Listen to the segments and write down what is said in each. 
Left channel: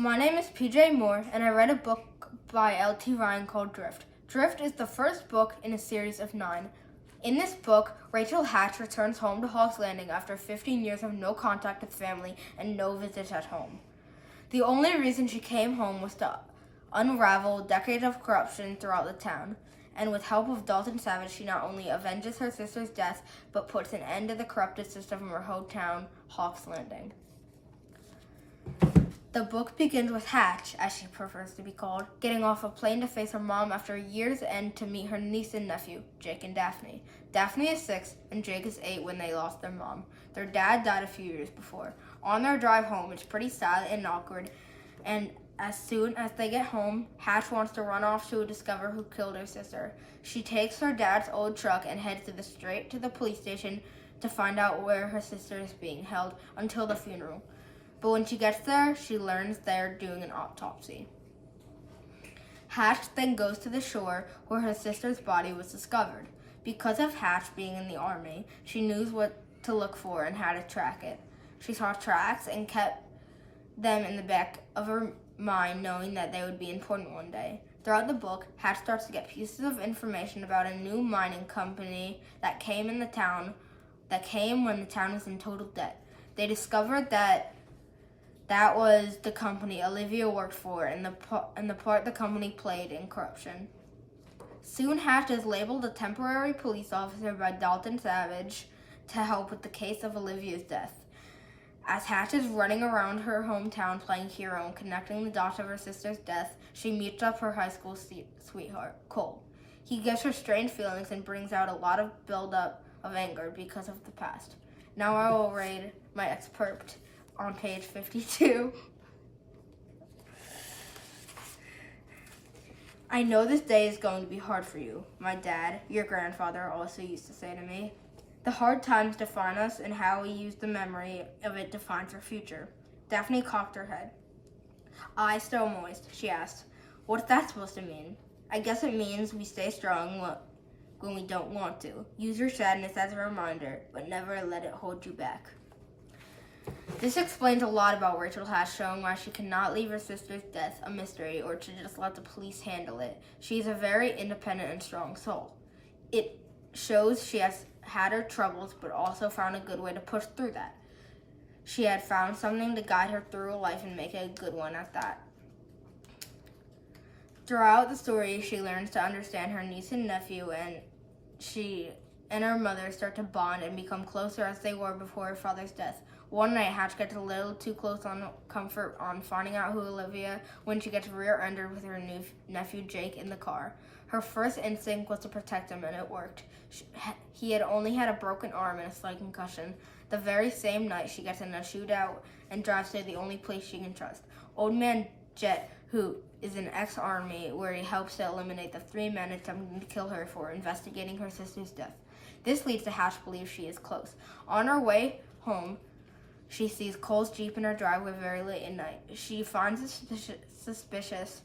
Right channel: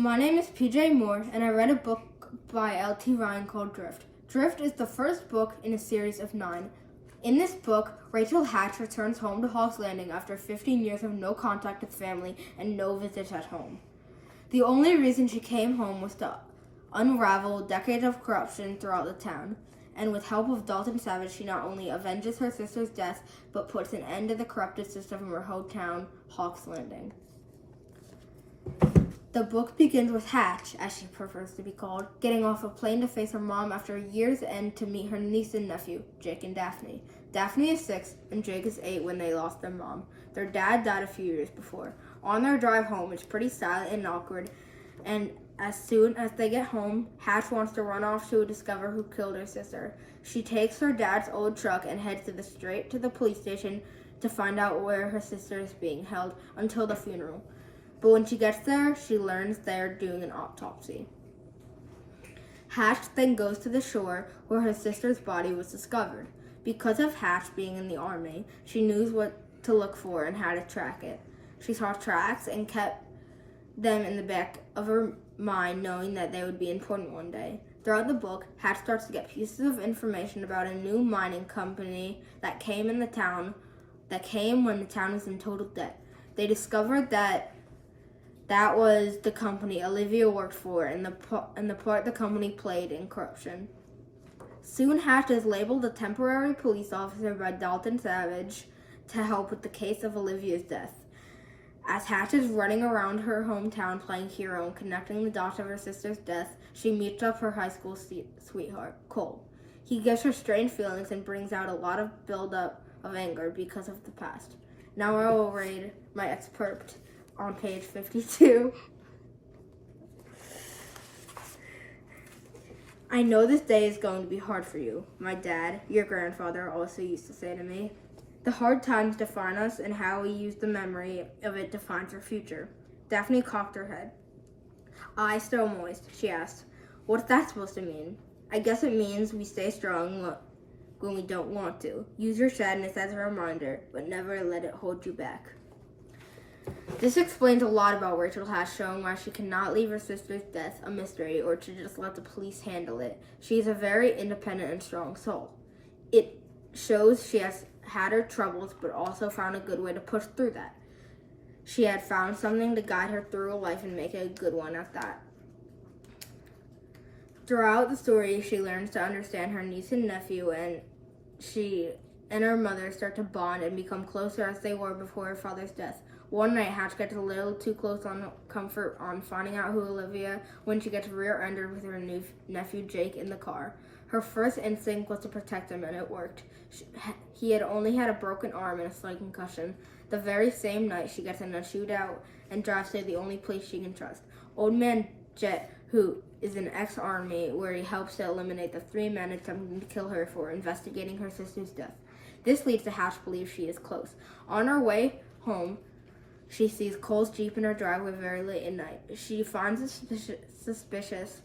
My name is PJ Moore, and I read a book by L.T. Ryan called Drift. Drift is the first book in a series of 9. In this book, Rachel Hatch returns home to Hog's Landing after 15 years of no contact with family and no visits at home. The only reason she came home was to unravel decades of corruption throughout the town, and with help of Dalton Savage, she not only avenges her sister's death, but puts an end to the corrupted system of her hometown, Hog's Landing. The book begins with Hatch, as she prefers to be called, getting off a plane to face her mom after a year's end to meet her niece and nephew, Jake and Daphne. Daphne is 6 and Jake is 8 when they lost their mom. Their dad died a few years before. On their drive home, it's pretty silent and awkward, and as soon as they get home, Hatch wants to run off to discover who killed her sister. She takes her dad's old truck and heads straight to the police station to find out where her sister is being held until the funeral. But when she gets there, she learns they're doing an autopsy. Hatch then goes to the shore where her sister's body was discovered. Because of Hatch being in the army, she knew what to look for and how to track it. She saw tracks and kept them in the back of her mind, knowing that they would be important one day. Throughout the book, Hatch starts to get pieces of information about a new mining company that came when the town was in total debt. They discovered that was the company Olivia worked for and the part the company played in corruption. Soon Hatch is labeled a temporary police officer by Dalton Savage to help with the case of Olivia's death. As Hatch is running around her hometown playing hero and connecting the dots of her sister's death, she meets up her high school sweetheart, Cole. He gives her strange feelings and brings out a lot of buildup of anger because of the past. Now I will read my excerpt on page 52. I know this day is going to be hard for you. My dad, your grandfather, also used to say to me, the hard times define us, and how we use the memory of it defines our future. Daphne cocked her head. Eyes still moist, she asked, what's that supposed to mean? I guess it means we stay strong when we don't want to. Use your sadness as a reminder, but never let it hold you back. This explains a lot about Rachel Hatch, showing why she cannot leave her sister's death a mystery or to just let the police handle it. She is a very independent and strong soul. It shows she has had her troubles, but also found a good way to push through that. She had found something to guide her through life and make it a good one at that. Throughout the story, she learns to understand her niece and nephew, and she and her mother start to bond and become closer as they were before her father's death. One night, Hatch gets a little too close on comfort on finding out who Olivia when she gets rear-ended with her new nephew Jake in the car. Her first instinct was to protect him, and it worked. He had only had a broken arm and a slight concussion. The very same night, she gets in a shootout and drives to the only place she can trust. Old Man Jet, who is an ex-army, where he helps to eliminate the 3 men attempting to kill her for investigating her sister's death. This leads to Hatch believe she is close. On her way home, she sees Cole's Jeep in her driveway very late at night. She finds it suspicious,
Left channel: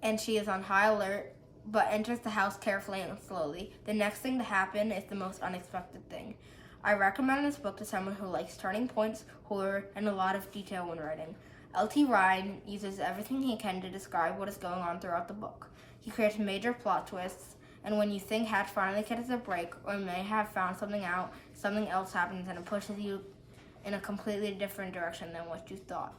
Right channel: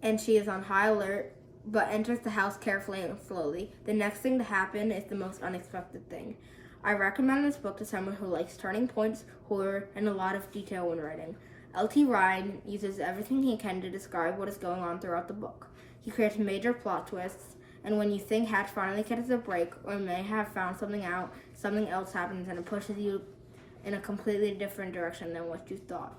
and she is on high alert, but enters the house carefully and slowly. The next thing to happen is the most unexpected thing. I recommend this book to someone who likes turning points, horror, and a lot of detail when writing. L.T. Ryan uses everything he can to describe what is going on throughout the book. He creates major plot twists, and when you think Hatch finally gets a break or may have found something out, something else happens and it pushes you in a completely different direction than what you thought.